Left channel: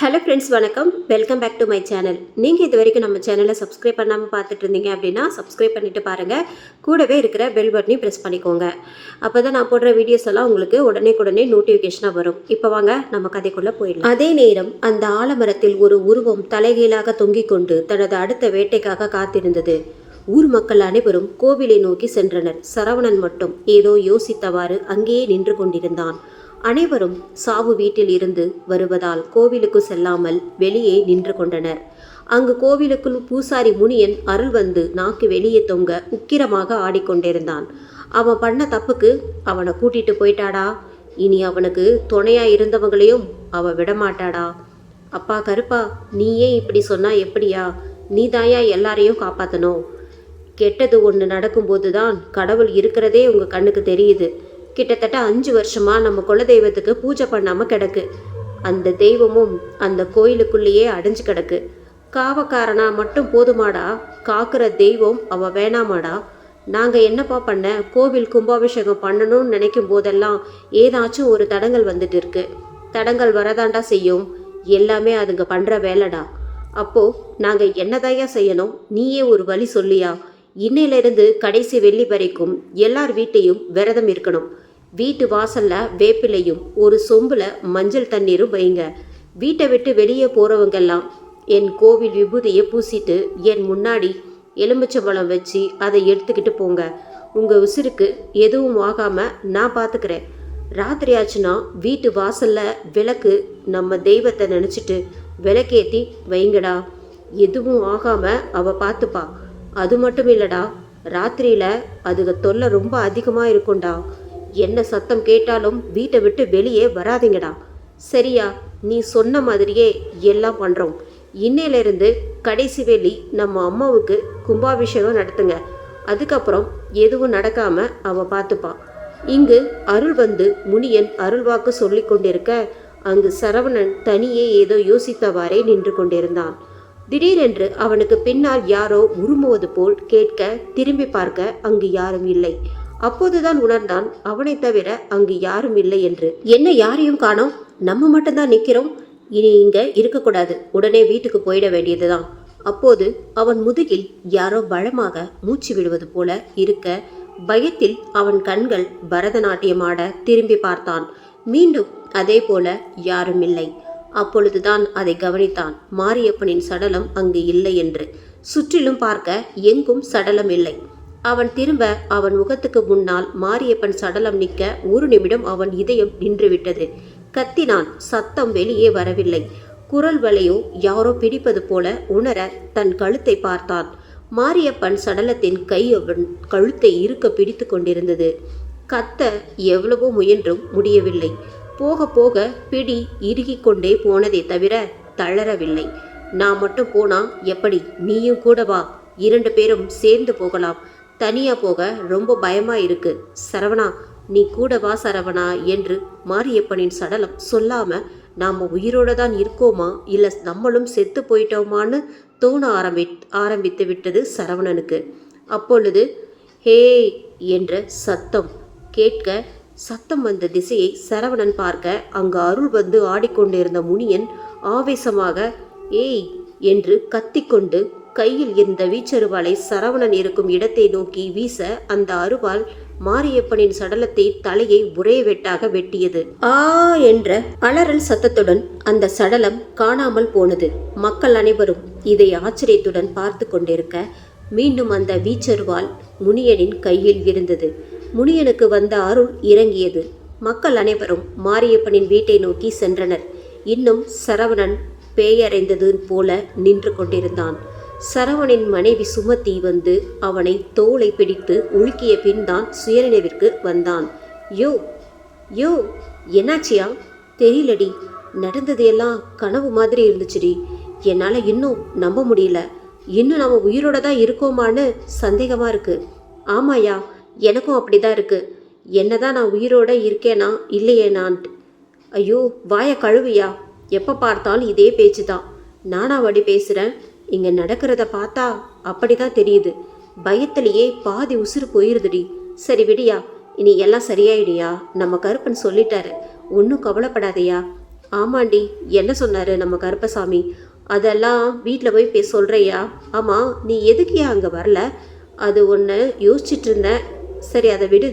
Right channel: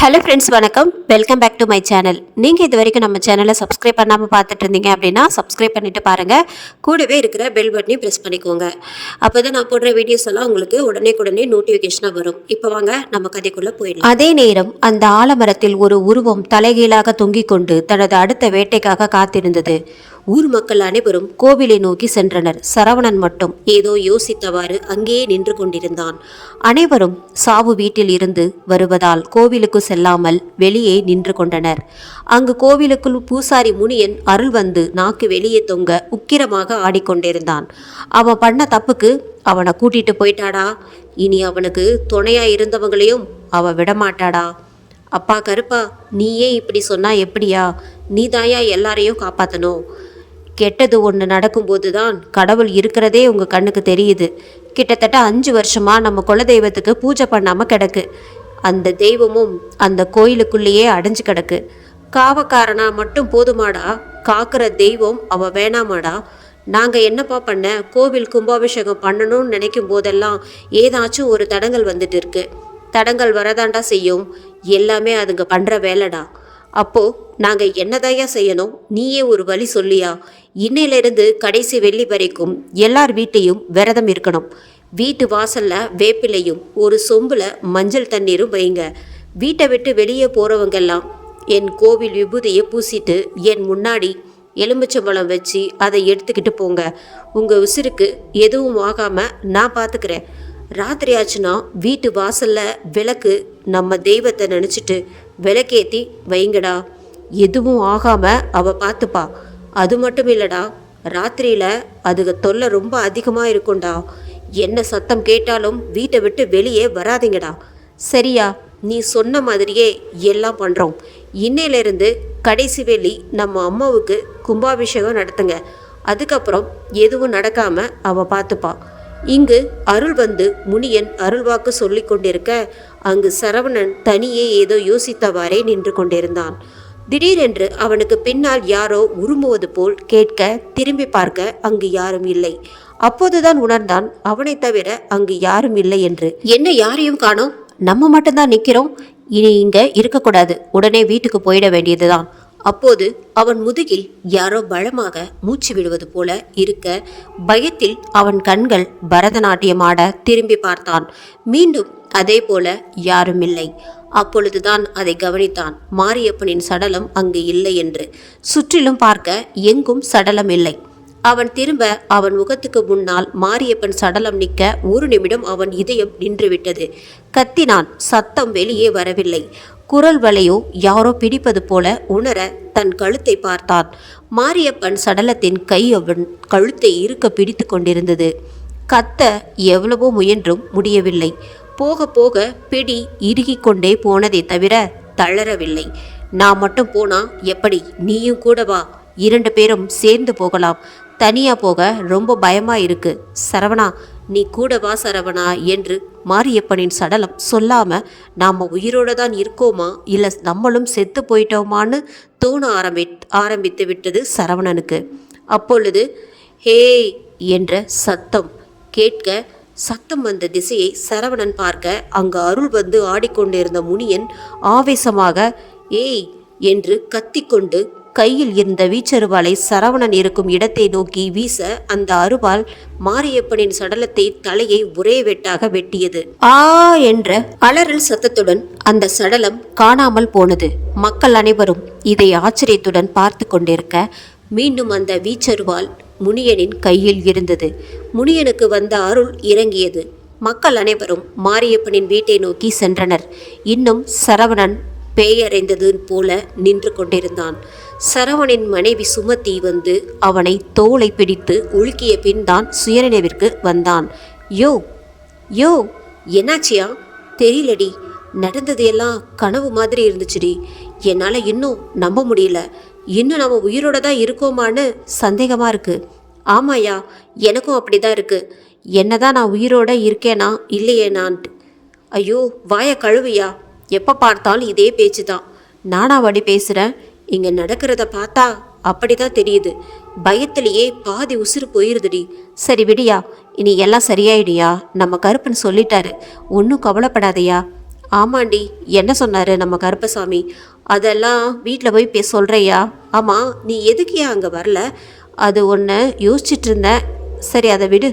Hello friends, வணக்கம். Welcome back to my channel. நீங்கள் இது வரைக்கும் நம்ம சேனலை சப்ஸ்கிரைப் பண்ணாமல் பார்த்துட்டு இருந்தீங்க அப்படின்னா சப்ஸ்கிரைப் பண்ணிவிட்டு பாருங்கள். கூடவே இருக்கிற பெல் பட்டனையும் ப்ரெஸ் பண்ணிக்கோங்க. அப்போ தான் நான் போடுற வீடியோஸ் எல்லாம் உங்களுக்கு உடனே நோட்டிஃபிகேஷனாக வரும். இப்போ வாங்க நம்ம கதைக்குள்ளே போயிடலாம். அதே நேரம் அந்த ஆலமரத்தில் ஒரு உருவம் தலைகீழாக தொங்கிக் கொண்டு தனது அடுத்த வேட்டைக்காக காத்திருந்தது. ஊர் மக்கள் அனைவரும் கோவிலை நோக்கி சென்றனர். சரவணன் மட்டும் ஏதோ யோசித்தவாறு அங்கேயே நின்று கொண்டிருந்தான். அனைவரும் சாவு வீட்டில் இருந்து வருவதால் கோவிலுக்கு செல்லாமல் வெளியே நின்று கொண்டனர். அங்கு கோவிலுக்குள் பூசாரி முனியன் அருள் வந்து நாக்கு வெளியே தொங்க உக்கிரமாக ஆடிக்கொண்டிருந்தான். அவன் பண்ண தப்புக்கு அவனை கூட்டிட்டு போயிட்டாடா. இனி அவனுக்கு துணையா இருந்தவங்களையும் அவ விடமாட்டாடா. அப்பா கருப்பா, நீயே இப்படி சொன்னா எப்படியா? நீ தாயா எல்லாரையும் காப்பாற்றணும். கெட்டது ஒன்று நடக்கும்போது தான் கடவுள் இருக்கிறதே உங்கள் கண்ணுக்கு தெரியுது. கிட்டத்தட்ட 5 வருஷமாக நம்ம குலதெய்வத்துக்கு பூஜை பண்ணாமல் கிடக்கு. அந்த தெய்வமும் அந்த கோயிலுக்குள்ளேயே அடைஞ்சு கிடக்கு. காவக்காரனா மட்டும் போதுமாடா? காக்கிற தெய்வம் அவ வேணாமாடா? நாங்கள் என்னப்பா பண்ண? கோவில் கும்பாபிஷேகம் பண்ணணும்னு நினைக்கும் போதெல்லாம் ஏதாச்சும் ஒரு தடங்கள் வந்துட்டு இருக்கு. தடங்கள் வரதாண்டா செய்யும். எல்லாமே அதுங்க பண்ணுற வேலைடா. அப்போ நாங்கள் என்னதாயா செய்யணும்? நீயே ஒரு வழி சொல்லியா? இன்னையிலிருந்து கடைசி வெள்ளி வரைக்கும் எல்லார் வீட்டையும் விரதம் இருக்கணும். வீட்டு வாசல்ல வேப்பிலையும் ஒரு சொம்புல மஞ்சள் தண்ணீரும் வைங்க. வீட்டை விட்டு வெளியே போறவங்கெல்லாம் என் கோவில் விபூதியை பூசிட்டு என் முன்னாடி எலுமிச்சம்பழம் வச்சு அதை எடுத்துக்கிட்டு போங்க. உங்க உசிருக்கு எதுவும் ஆகாம நான் பார்த்துக்கிறேன். ராத்திரி ஆச்சுன்னா வீட்டு வாசல்ல விளக்கு நம்ம தெய்வத்தை நினச்சிட்டு விளக்கேற்றி வைங்கடா. எதுவும் ஆகாம அவ பார்த்துப்பா. அது மட்டும் இல்லடா, ராத்திரியில அதுக தொல்லை ரொம்ப அதிகமாக இருக்கும்டா. என்ன சத்தம் கேட்டாலும் வீட்டை விட்டு வெளியே வராதிங்கடா. சரியா? நீ சொன்ன மாதிரியே எல்லாம் பண்ணுறோம். இன்னையிலிருந்து கடைசி வெள்ளி நம்ம அம்மாவுக்கு கும்பாபிஷேகம் நடத்துங்க. அதுக்கப்புறம் எதுவும் நடக்காம அவ பார்த்துப்பா. இங்கு அருள் வந்து முனியன் அருள்வாக்கு சொல்லி கொண்டிருக்க அங்கு சரவணன் தனியே ஏதோ யோசித்தவாறே நின்று கொண்டிருந்தான். திடீரென்று அவனுக்கு பின்னால் யாரோ உருமுவது போல் கேட்க திரும்பி பார்க்க அங்கு யாரும் இல்லை. அப்போதுதான் உணர்ந்தான் அவனை தவிர அங்கு யாரும் இல்லை என்று. என்ன யாரையும் காணோம்? நம்ம மட்டும்தான் நிற்கிறோம். இனி இங்க இருக்கக்கூடாது. உடனே வீட்டுக்கு போயிட வேண்டியதுதான். அப்போது அவன் முதுகில் யாரோ பலமாக மூச்சு விடுவது போல இருக்க பயத்தில் அவன் கண்கள் பரதநாட்டியம் ஆட திரும்பி பார்த்தான். மீண்டும் அதே போல யாரும் இல்லை. அப்பொழுதுதான் அதை கவனித்தான். மாரியப்பனின் சடலம் அங்கு இல்லை என்று. சுற்றிலும் பார்க்க எங்கும் சடலம் இல்லை. அவன் திரும்ப அவன் முகத்துக்கு முன்னால் மாரியப்பன் சடலம் நிற்க ஒரு நிமிடம் அவன் இதயம் நின்றுவிட்டது. கத்தினான். சத்தம் வெளியே வரவில்லை. குரல் வலையோ யாரோ பிடிப்பது போல உணர தன் கழுத்தை பார்த்தான். மாரியப்பன் சடலத்தின் கை அவன் கழுத்தை இருக்க பிடித்து கொண்டிருந்தது. கத்த எவ்வளவோ முயன்றும் முடியவில்லை. போக போக பிடி இறுகிக் கொண்டே போனதை தவிர தளரவில்லை. நான் மட்டும் போனா எப்படி? நீயும் கூட வா. 2 பேரும் சேர்ந்து போகலாம். தனியா போக ரொம்ப பயமா இருக்கு. சரவணா, நீ கூட வா சரவணா என்று மாரியப்பனின் சடலம் சொல்லாம நாம உயிரோட தான் இருக்கோமா இல்லை நம்மளும் செத்து போயிட்டோமான்னு தோண ஆரம்பித்து விட்டது சரவணனுக்கு. அப்பொழுது ஹே என்ற சத்தம் கேட்க சத்தம் வந்த திசையை சரவணன் பார்க்க அங்கு அருள் வந்து ஆடிக்கொண்டிருந்த முனியன் ஆவேசமாக ஏய் என்று கத்திக்கொண்டு கையில் இருந்த வீச்சருவாளை சரவணன் இருக்கும் இடத்தை நோக்கி வீச அந்த அருவாள் மாரியப்பனின் சடலத்தை தலையை ஒரே வெட்டாக வெட்டியது. ஆ என்ற அலறல் சத்தத்துடன் அந்த சடலம் காணாமல் போனது. மக்கள் அனைவரும் இதை ஆச்சரியத்துடன் பார்த்து கொண்டிருக்க மீண்டும் அந்த வீச்சருவாள் முனியனின் கையில் இருந்தது. முனியனுக்கு வந்த அருள் இறங்கியது. மக்கள் அனைவரும் மாரியப்பனின் வீட்டை நோக்கி சென்றனர். இன்னும் சரவணன் பேயறைந்தது போல நின்று கொண்டிருந்தான். சரவணின் மனைவி சுமதி வந்து அவனை தோளை பிடித்து உலுக்கிய பின் தான் சுயநினைவிற்கு வந்தான். யோ யோ என்னாச்சியா? தெரியலடி. நடந்தது எல்லாம் கனவு மாதிரி இருந்துச்சுடி. என்னால் இன்னும் நம்ப முடியல. இன்னும் நம்ம உயிரோட தான் இருக்கோமான்னு சந்தேகமாக இருக்கு. ஆமாயா, எனக்கும் அப்படிதான் இருக்கு. என்னதான் நான் உயிரோட இருக்கேனா இல்லையே நான்ட்டு. ஐயோ வாய கழுவியா. எப்போ பார்த்தாலும் இதே பேச்சு தான். நானா வடி பேசுகிறேன்? இங்கே நடக்கிறத பார்த்தா அப்படிதான் தெரியுது. பயத்திலேயே பாதி உசுறு போயிருதுடி. சரி விடியா, இனி எல்லாம் சரியாயிடியா. நம்ம கருப்பன் சொல்லிட்டாரு. ஒன்றும் கவலைப்படாதையா. ஆமாண்டி, என்ன சொன்னார் நம்ம கருப்பசாமி? அதெல்லாம் வீட்டில் போய் சொல்கிறையா? ஆமாம், நீ எதுக்கியா அங்கே வரல? அது ஒன்று யோசிச்சுட்டு இருந்தேன். சரி, அதை விடு.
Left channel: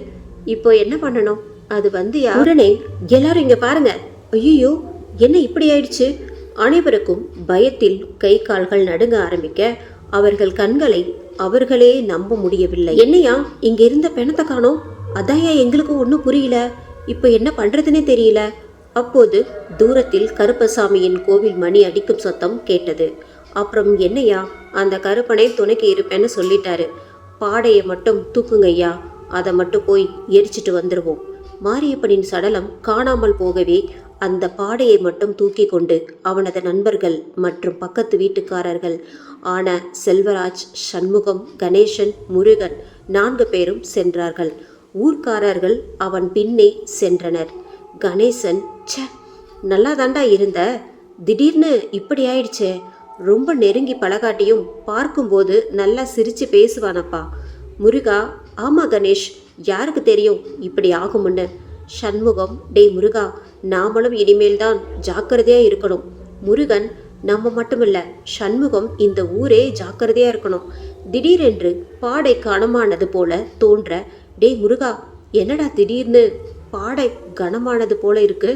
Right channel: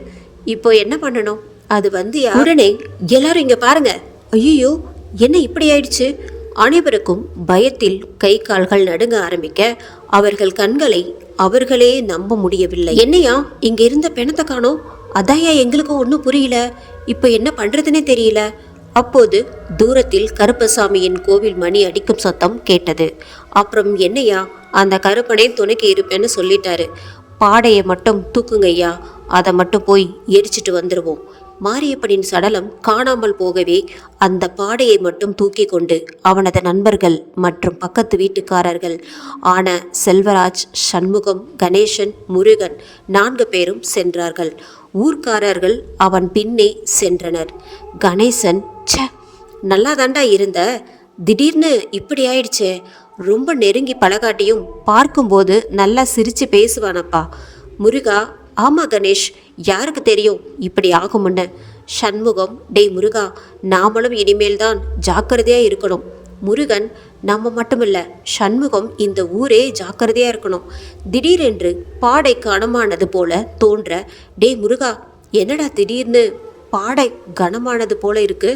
இப்போ என்ன பண்ணணும்? அது உடனே எல்லாரும் இங்கே பாருங்க. ஐயோ, என்ன இப்படி ஆயிடுச்சு? அனைவருக்கும் பயத்தில் கை கால்கள் நடுங்க ஆரம்பிக்க அவர்கள் கண்களை அவர்களே நம்ப முடியவில்லை. என்னையா இங்க இருந்த பிணத்தை காணோம்? அதாயா எங்களுக்கு ஒன்றும் புரியல. இப்போ என்ன பண்றதுன்னே தெரியல. அப்போது தூரத்தில் கருப்பசாமியின் கோவில் மணி அடிக்கும் சத்தம் கேட்டது. அப்புறம் என்னையா, அந்த கருப்பனை துணைக்கு இருப்பேன்னு சொல்லிட்டாரு. பாடையை மட்டும் தூக்குங்கய்யா, அதை மட்டும் போய் எரிச்சிட்டு வந்துடுவோம். மாரியப்பனின் சடலம் காணாமல் போகவே அந்த பாடையை மட்டும் தூக்கி கொண்டு அவனது நண்பர்கள் மற்றும் பக்கத்து வீட்டுக்காரர்கள் ஆன செல்வராஜ், சண்முகம், கணேசன், முருகன் 4 பேரும் சென்றார்கள். ஊர்க்காரர்கள் அவன் பின்னே சென்றனர். கணேசன், ச்சே, நல்லா தாண்டா இருந்த, திடீர்னு இப்படி ஆயிடுச்சே. ரொம்ப நெருங்கி பழகாட்டியும் பார்க்கும்போது நல்லா சிரிச்சு பேசுவானப்பா. முருகா, ஆமா கணேஷ், யாருக்கு தெரியும் இப்படி ஆகும்னு. சண்முகம், டேய் முருகா, நாமளும் இனிமேல் தான் ஜாக்கிரதையா இருக்கணும். முருகன், நம்ம மட்டுமில்ல, சண்முகம், இந்த ஊரே ஜாக்கிரதையா இருக்கணும். திடீரென்று பாடை கனமானது போல தோன்ற, டேய் முருகா, என்னடா திடீர்னு பாடை கனமானது போல இருக்கு?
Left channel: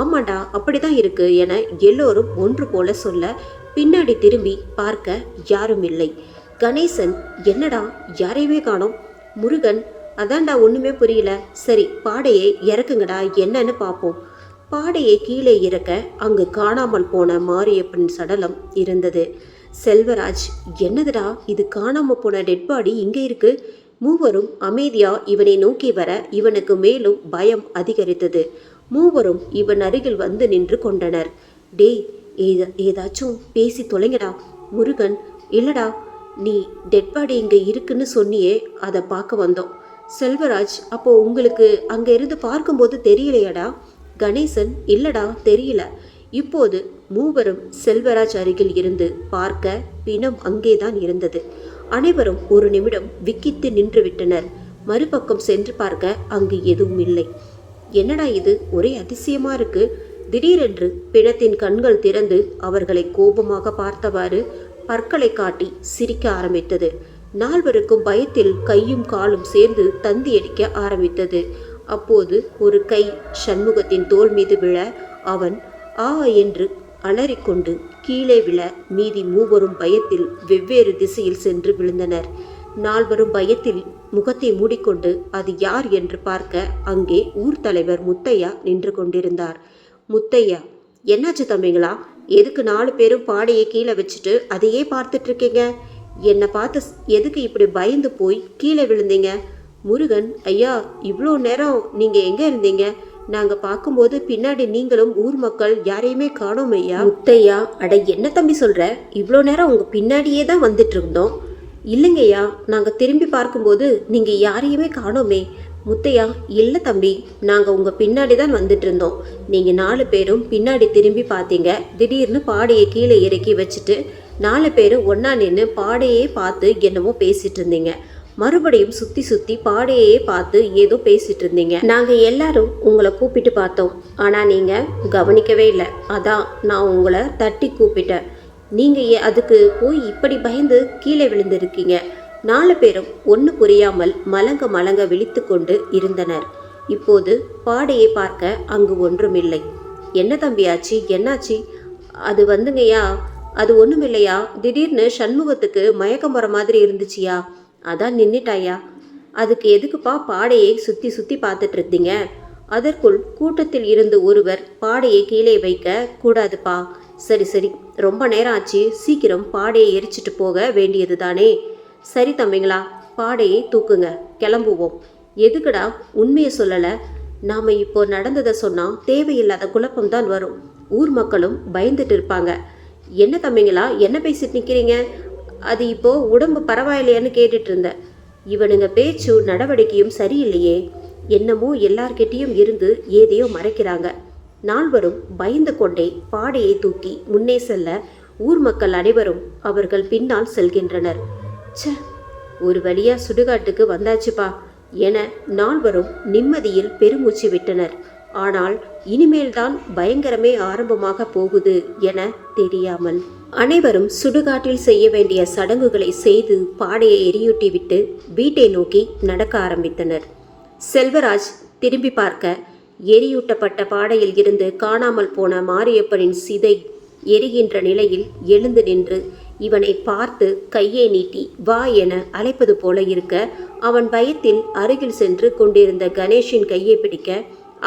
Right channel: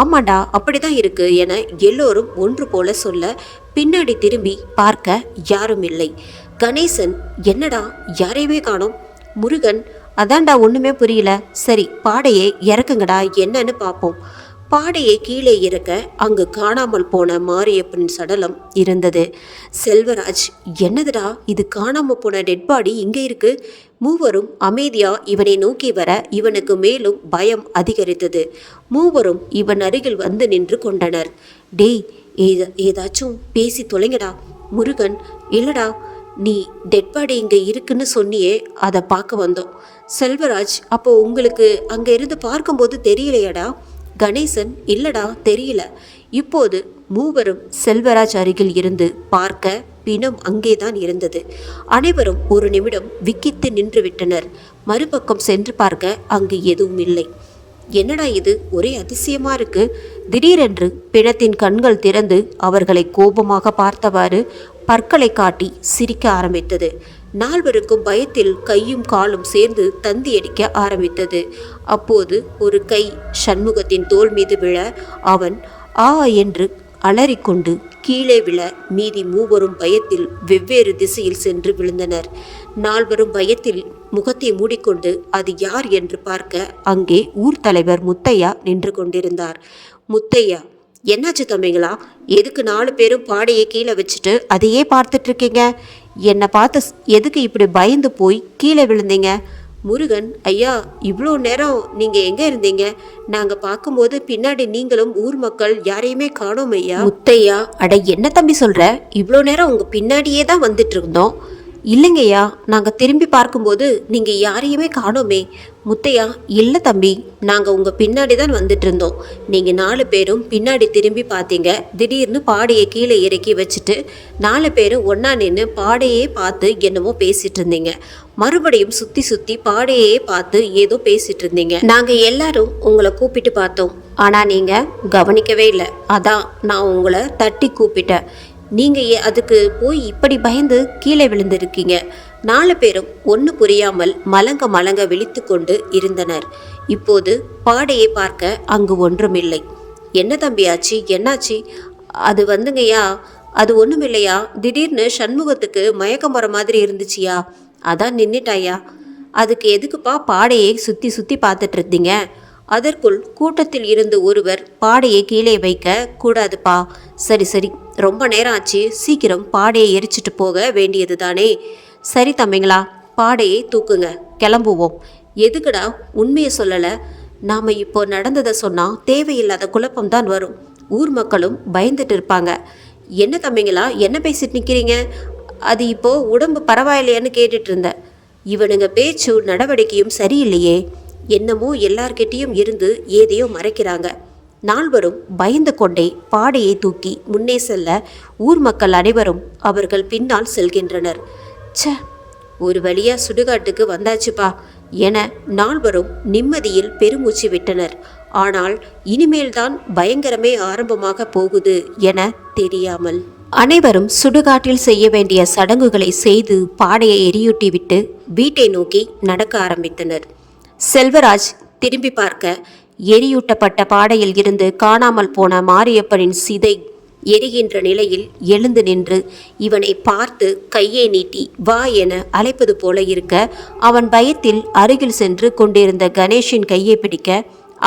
ஆமாண்டா, அப்படிதான் இருக்கு என எல்லோரும் ஒன்று போல சொல்ல பின்னாடி திரும்பி பார்க்க யாரும் இல்லை. கணேசன், என்னடா யாரையுமே காணோம்? முருகன், அதான்டா ஒன்றுமே புரியல. சரி, பாடையை இறக்குங்கடா, என்னன்னு பார்ப்போம். பாடையை கீழே இறக்க அங்கு காணாமல் போன மாரியப்பன் சடலம் இருந்தது. செல்வராஜ், என்னதுடா இது, காணாமல் போன டெட் பாடி இங்கே இருக்கு? மூவரும் அமைதியா இவனை நோக்கி வர இவனுக்கு மேலும் பயம் அதிகரித்தது. மூவரும் இவன் அருகில் வந்து நின்று கொண்டனர். டேய், ஏதாச்சும் பேசி தொலைங்கடா. முருகன், இல்லடா, நீ டெட் பாடி இங்கே இருக்குன்னு சொன்னியே, அதை பார்க்க வந்தோம். செல்வராஜ், அப்போ உங்களுக்கு அங்கே இருந்து பார்க்கும்போது தெரியலையடா? கணேசன், இல்லடா, தெரியல. இப்போது மூவரும் செல்வராஜ் அருகில் இருந்து பார்க்க பிணம் அங்கேதான் இருந்தது. அனைவரும் ஒரு நிமிடம் விக்கித்து நின்று விட்டனர். மறுபக்கம் சென்று பார்க்க அங்கு எதுவும் இல்லை. என்னடா இது, ஒரே அதிசயமா இருக்கு. திடீரென்று பிணத்தின் கண்கள் திறந்து அவர்களை கோபமாக பார்த்தவாறு பற்களை காட்டி சிரிக்க ஆரம்பித்தது. 4 பயத்தில் கையும் காலும் சேர்ந்து தந்தி அடிக்க ஆரம்பித்தது. அப்போது ஒரு கை சண்முகத்தின் தோள் மீது விழ அவன் ஆ என்று அலறிக்கொண்டு கீழே விழ மீதி 3 பயத்தில் வெவ்வேறு திசையில் சென்று விழுந்தனர். 4 பயத்தில் முகத்தை மூடிக்கொண்டு அது யார் என்று பார்க்க அங்கே ஊர் தலைவர் முத்தையா நின்று கொண்டிருந்தார். முத்தையா, என்னாச்சு தம்பிங்களா? எதுக்கு 4 பேரும் பாடையை கீழே வச்சுட்டு அதையே பார்த்துட்டு இருக்கீங்க? என்னை பார்த்து எதுக்கு இப்படி பயந்து போய் கீழே விழுந்தீங்க? முருகன், ஐயா, இவ்வளோ நேரம் நீங்கள் எங்கே இருந்தீங்க? நாங்கள் பார்க்கும்போது பின்னாடி நீங்களும் ஊர் மக்கள் யாரையுமே காணோம் ஐயா. முத்தையா, அட என்ன தம்பி சொல்கிற? இவ்வளோ நேரம் உங்கள் பின்னாடியே தான் வந்துட்டு இருந்தோம். இல்லைங்கய்யா, நாங்கள் திரும்பி பார்க்கும்போது நீங்கள் யாரையுமே காணோமே. முத்தையா, இல்லை தம்பி, நாங்கள் உங்கள் பின்னாடி தான் வந்துட்டு இருந்தோம். நீங்கள் 4 பேரும் பின்னாடி திரும்பி பார்த்தீங்க. திடீர்னு பாடையை கீழே இறக்கி வச்சுட்டு 4 பேரும் ஒன்றா நின்று பாடையே பார்த்து என்னமோ பேசிட்டு இருந்தீங்க. மறுபடியும் சுற்றி சுற்றி பாடையே பார்த்து ஏதோ பேசிட்டு இருந்தீங்க. நாங்கள் எல்லாரும் உங்களை கூப்பிட்டு பார்த்தோம், ஆனால் நீங்கள் கவனிக்கவே இல்லை. அதான் நான் உங்களை தட்டி கூப்பிட்டேன். நீங்கள் அதுக்கு போய் இப்படி பயந்து கீழே விழுந்திருக்கீங்க. 4 பேரும் ஒன்று புரியாமல் மலங்க விழித்து கொண்டு இருந்தனர். இப்போது பாடையை பார்க்க அங்கு ஒன்றுமில்லை. என்ன தம்பியாச்சு, என்னாச்சு? அது வந்துங்கய்யா, அது ஒன்றுமில்லையா. திடீர்னு சண்முகத்துக்கு மயக்கம் வர மாதிரி இருந்துச்சியா, அதான் நின்றுட்டாயா. அதுக்கு எதுக்குப்பா பாடையை சுற்றி சுற்றி பார்த்துட்டு இருந்தீங்க? அதற்குள் கூட்டத்தில் இருந்து ஒருவர் பாடையை கீழே வைக்க கூடாதுப்பா. சரி சரி, ரொம்ப நேரம் ஆச்சு, சீக்கிரம் பாடையை எரிச்சிட்டு போக வேண்டியது தானே. சரி தம்பிங்களா, பாடையை தூக்குங்க, கிளம்புவோம். எதுக்குடா உண்மையை சொல்லலை? நாம் இப்போ நடந்ததை சொன்னால் தேவையில்லாத குழப்பம்தான் வரும். ஊர் மக்களும் பயந்துட்டு இருப்பாங்க. என்ன தம்பிங்களா, என்ன பேசிட்டு நிற்கிறீங்க? அது இப்போது உடம்பு பரவாயில்லையான்னு கேட்டுட்டு இருந்தேன். இவனுங்க பேச்சு நடவடிக்கையும் சரியில்லையே. என்னமோ எல்லார்கிட்டையும் இருந்து ஏதையோ மறைக்கிறாங்க. 4 பயந்து கொண்டே பாடையை தூக்கி முன்னே செல்ல ஊர் மக்கள் அனைவரும் அவர்கள் பின்னால் செல்கின்றனர். ச்ச, ஒரு வழியா சுடுகாட்டுக்கு வந்தாச்சுப்பா என 4 நிம்மதியில் பெருமூச்சு விட்டனர். ஆனால் இனிமேல்தான் பயங்கரமே ஆரம்பமாக போகுது என தெரியாமல் அனைவரும் சுடுகாட்டில் செய்ய வேண்டிய சடங்குகளை செய்து பாடையை எரியூட்டிவிட்டு வீட்டை நோக்கி நடக்க ஆரம்பித்தனர். செல்வராஜ் திரும்பி பார்க்க எரியூட்டப்பட்ட பாடையில் இருந்து காணாமல் போன மாரியப்பனின் சிதை எரிகின்ற நிலையில் எழுந்து நின்று இவனை பார்த்து கையை நீட்டி வா என அழைப்பது போல இருக்க, அவன் பயத்தில் அருகில் சென்று கொண்டிருந்த கணேஷின் கையை பிடிக்க,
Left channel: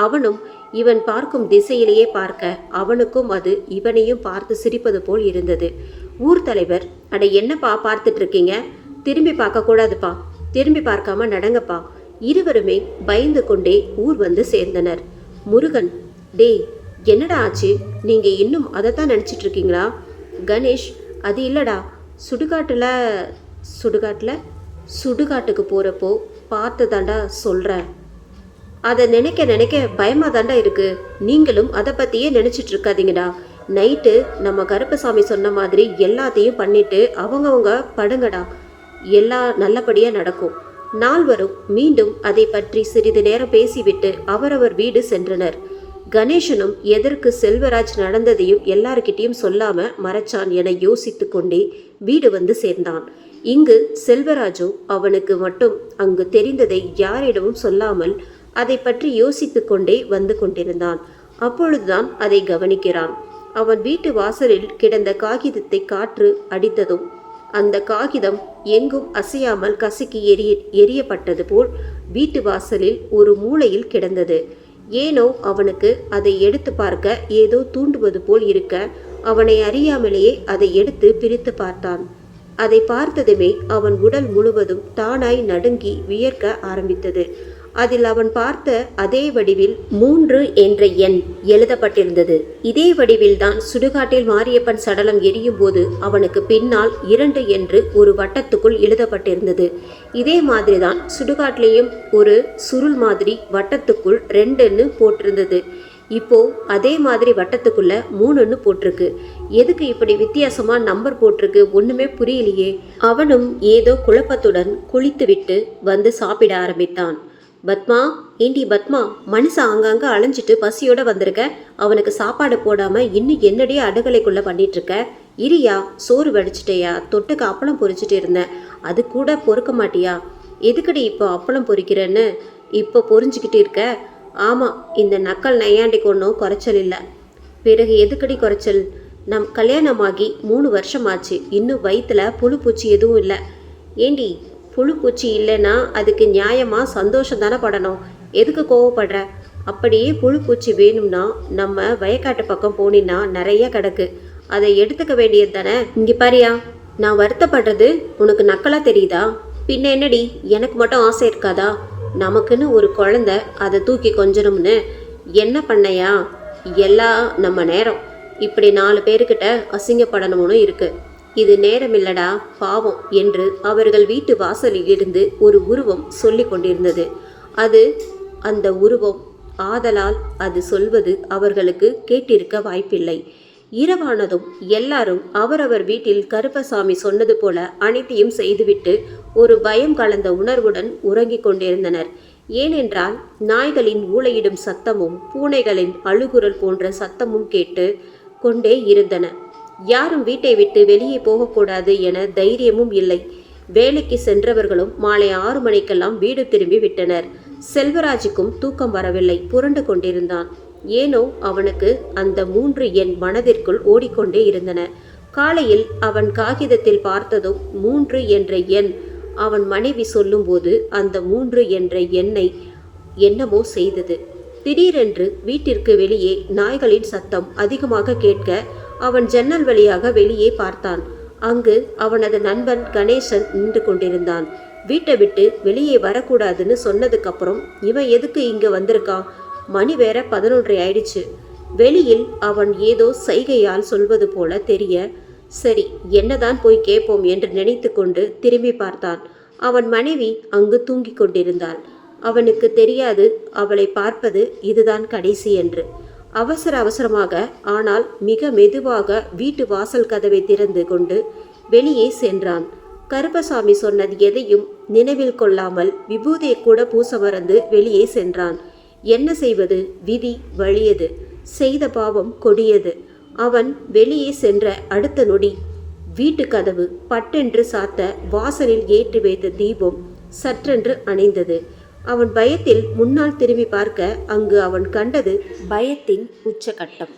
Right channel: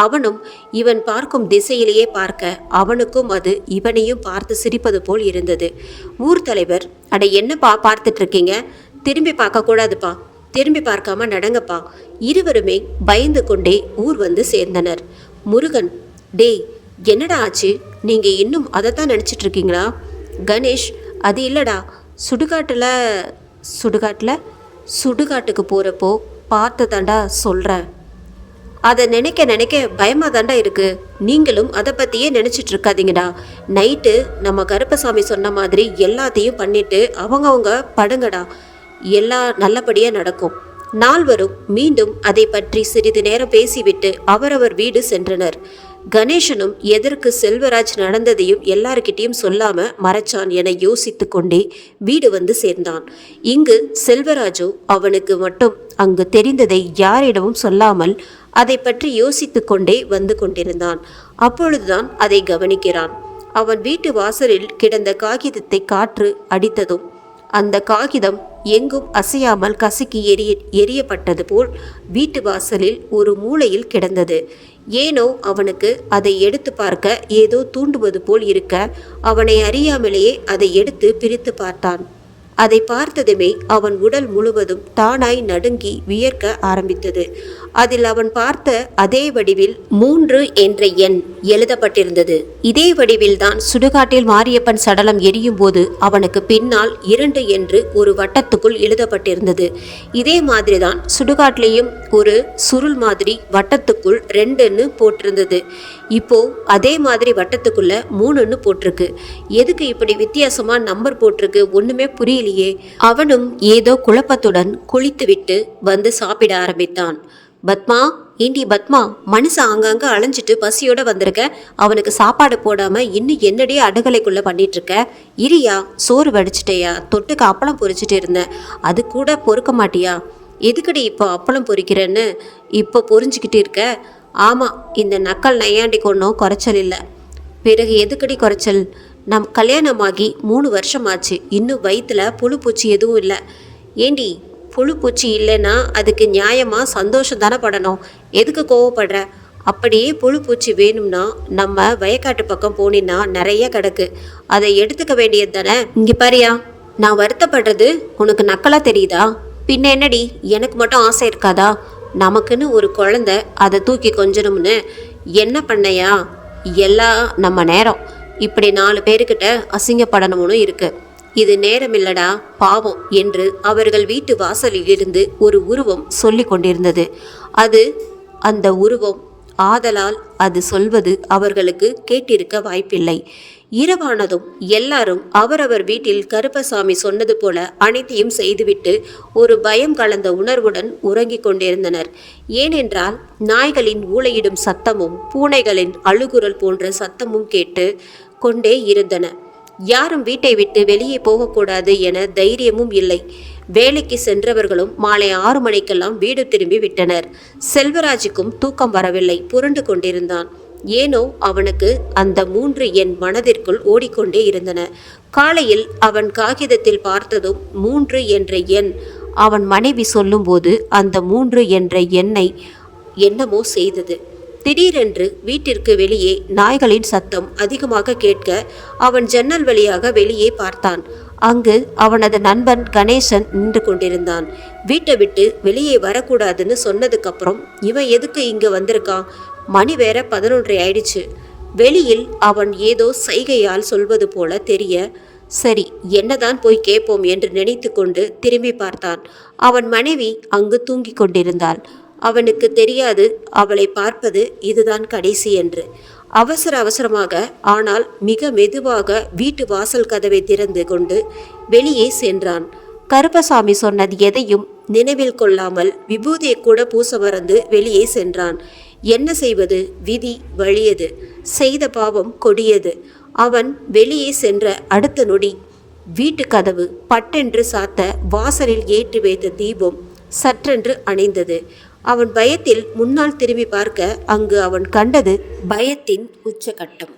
அவனும் இவன் பார்க்கும் திசையிலேயே பார்க்க அவனுக்கும் அது இவனையும் பார்த்து சிரிப்பது போல் இருந்தது. ஊர் தலைவர், அட என்னப்பா பார்த்துட்டு இருக்கீங்க, திரும்பி பார்க்க கூடாதுப்பா, திரும்பி பார்க்காம நடங்கப்பா. இருவருமே பயந்து கொண்டே ஊர் வந்து சேர்ந்தனர். முருகன், டேய் என்னடா ஆச்சு, நீங்கள் இன்னும் அதைத்தான் நினச்சிட்டு இருக்கீங்களா? கணேஷ், அது இல்லைடா, சுடுகாட்டுக்கு போகிறப்போ பார்த்ததாண்டா சொல்கிறேன். அதை நினைக்க நினைக்க பயமாக தாண்டா இருக்குது. நீங்களும் அதை பற்றியே நினச்சிட்டு இருக்காதீங்கடா. நைட்டு நம்ம கருப்பசாமி சொன்ன மாதிரி எல்லாத்தையும் பண்ணிட்டு அவங்கவுங்க படுங்கடா, எல்லாம் நல்லபடியாக நடக்கும். நால்வரும் மீண்டும் அதை பற்றி சிறிது நேரம் பேசிவிட்டு அவரவர் வீடு சென்றனர். கணேசனும் எதற்கு செல்வராஜ் நடந்ததையும் எல்லார்கிட்டையும் சொல்லாம மறைச்சான் என யோசித்து கொண்டே வீடு வந்து சேர்ந்தான். இங்கு செல்வராஜோ அவனுக்கு மட்டும் அங்கு தெரிந்ததை யாரிடமும் சொல்லாமல் அதை பற்றி யோசித்து கொண்டே வந்து கொண்டிருந்தான். அப்பொழுதுதான் அதை கவனிக்கிறான். அவன் வீட்டு வாசலில் கிடந்த காகிதத்தை காற்று அடித்ததும் அந்த காகிதம் எங்கும் அசையாமல் கசக்கி எரியப்பட்டது போல் வீட்டு வாசலில் ஒரு மூலையில் கிடந்தது. ஏனோ அவனுக்கு அதை எடுத்து பார்க்க ஏதோ தூண்டுவது போல் இருக்க, அவனை அறியாமலேயே அதை எடுத்து பிரித்து பார்த்தான். அதை பார்த்ததுமே அவன் உடல் முழுவதும் தானாய் நடுங்கி வியர்க்க ஆரம்பித்தது. அதில் அவன் பார்த்த அதே வடிவில் 3 என்ற எண் எழுதப்பட்டிருந்தது. இதே வடிவில் தான் சுடுகாட்டில் மாரியப்பன் சடலம் எரியும் போது அவனுக்கு பின்னால் 2 என்று ஒரு வட்டத்துக்குள் எழுதப்பட்டிருந்தது. இதே மாதிரிதான் சுடுகாட்டிலையும் ஒரு சுருள் மாதிரி வட்டத்துக்குள் 2ன்னு போட்டிருந்தது. இப்போ அதே மாதிரி வட்டத்துக்குள்ள 3ன்னு போட்டிருக்கு. எதுக்கு இப்படி வித்தியாசமா நம்பர் போட்டிருக்கு ஒண்ணுமே புரியலையே. அவனும் ஏதோ குழப்பத்துடன் குளித்துவிட்டு வந்து சாப்பிட ஆரம்பித்தான். பத்மா, ஏண்டி பத்மா, மனுஷன் அங்கங்க அலைஞ்சிட்டு பசியோட வந்திருக்க, அவனுக்கு சாப்பாடு போடாம இன்னும் என்னடி அடுகலைக்குள்ள பண்ணிட்டு இருக்க? இரியா, சோறு வடிச்சிட்டேயா, தொட்டுக்கு அப்பளம் பொரிச்சிட்டு இருந்தேன், அது கூட பொறுக்க மாட்டியா? எதுக்குடி இப்போ அப்பளம் பொரிக்கிறேன்னு இப்போ பொரிஞ்சுக்கிட்டு இருக்க? ஆமாம், இந்த நக்கல் நையாண்டி கொண்டோம் குறைச்சல் இல்லை. பிறகு எதுக்கடி குறைச்சல்? நம் கல்யாணமாகி 3 வருஷமாச்சு, இன்னும் வயிற்றுல புழு பூச்சி எதுவும் இல்லை. ஏண்டி, புழு பூச்சி இல்லைன்னா அதுக்கு நியாயமாக சந்தோஷம் தானே படணும், எதுக்கு கோவப்படுற? அப்படியே புழு பூச்சி வேணும்னா நம்ம வயக்காட்டு பக்கம் போனின்னா நிறைய கிடக்கு, அதை எடுத்துக்க வேண்டியது தானே. இங்கே பாரியா, நான் வருத்தப்படுறது உனக்கு நக்கலாக தெரியுதா? பின்ன என்னடி, எனக்கு மட்டும் ஆசை இருக்காதா? நமக்குன்னு ஒரு குழந்தை, அதை தூக்கி கொஞ்சணும்னு என்ன பண்ணையா? எல்லாம் நம்ம நேரம், இப்படி 4 பேருக்கிட்ட அசிங்கப்படணும்னு இருக்கு. இது நேரம் இல்லடா, பாவம் என்று அவர்கள் வீட்டு வாசலில் இருந்து ஒரு உருவம் சொல்லி கொண்டிருந்தது. அது அந்த உருவம் ஆதலால் அது சொல்வது அவர்களுக்கு கேட்டிருக்க வாய்ப்பில்லை. இரவானதும் எல்லாரும் அவரவர் வீட்டில் கருப்பசாமி சொன்னது போல அனைத்தையும் செய்துவிட்டு ஒரு பயம் கலந்த உணர்வுடன் உறங்கிக் கொண்டிருந்தனர். ஏனென்றால் நாய்களின் ஊளையிடும் சத்தமும் பூனைகளின் அழுகுரல் போன்ற சத்தமும் கேட்டு கொண்டே இருந்தன. யாரும் வீட்டை விட்டு வெளியே போகக்கூடாது என தைரியமும் இல்லை. வேலைக்கு சென்றவர்களும் மாலை 6 மணிக்கெல்லாம் வீடு திரும்பி விட்டனர். செல்வராஜுக்கும் தூக்கம் வரவில்லை, புரண்டு கொண்டிருந்தான். ஏனோ அவனுக்கு அந்த 3 எண் மனதிற்குள் ஓடிக்கொண்டே இருந்தன. காலையில் அவன் காகிதத்தில் பார்த்ததும் 3 என்ற எண் அவன் மனைவி சொல்லும்போது அந்த 3 என்ற எண்ணை என்னமோ செய்தது. திடீரென்று வீட்டிற்கு வெளியே நாய்களின் சத்தம் அதிகமாக கேட்க அவன் ஜன்னல் வழியாக வெளியே பார்த்தான். அங்கு அவனது நண்பன் கணேசன் நின்று கொண்டிருந்தான். வீட்டை விட்டு வெளியே வரக்கூடாதுன்னு சொன்னதுக்கப்புறம் இவன் எதுக்கு இங்கு வந்திருக்கான்? மணி வேற 11:30 ஆயிடுச்சு. வெளியில் அவன் ஏதோ சைகையால் சொல்வது போல தெரிய, சரி என்னதான் போய் கேட்போம் என்று நினைத்து கொண்டு திரும்பி பார்த்தான். அவன் மனைவி அங்கு தூங்கிக் கொண்டிருந்தாள். அவனுக்கு தெரியாது அவளை பார்ப்பது இதுதான் கடைசி என்று. அவசர அவசரமாக ஆனால் மிக மெதுவாக வீட்டு வாசல் கதவை திறந்து கொண்டு வெளியே சென்றான். கருப்பசாமி சொன்னது எதையும் நினைவில் கொள்ளாமல் விபூதியை கூட பூச மறந்து வெளியே சென்றான். என்ன செய்வது? விதி வலியது. செய்த பாவம் கொடியது. அவன் வெளியே சென்ற அடுத்த நொடி வீட்டு கதவு பட்டென்று சாத்த வாசலில் ஏற்றி வைத்த தீபம் சற்றென்று அணைந்தது. அவன் பயத்தில் முன்னால் திரும்பி பார்க்க அங்கு அவன் கண்டது பயத்தின் உச்சகட்டம்.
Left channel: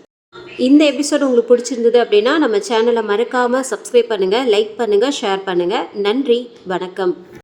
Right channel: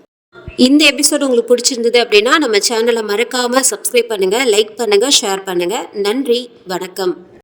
இந்த எபிசோடு உங்களுக்கு பிடிச்சிருந்தது அப்படின்னா நம்ம சேனலை மறக்காமல் சப்ஸ்கிரைப் பண்ணுங்கள், லைக் பண்ணுங்கள், ஷேர் பண்ணுங்கள். நன்றி, வணக்கம்.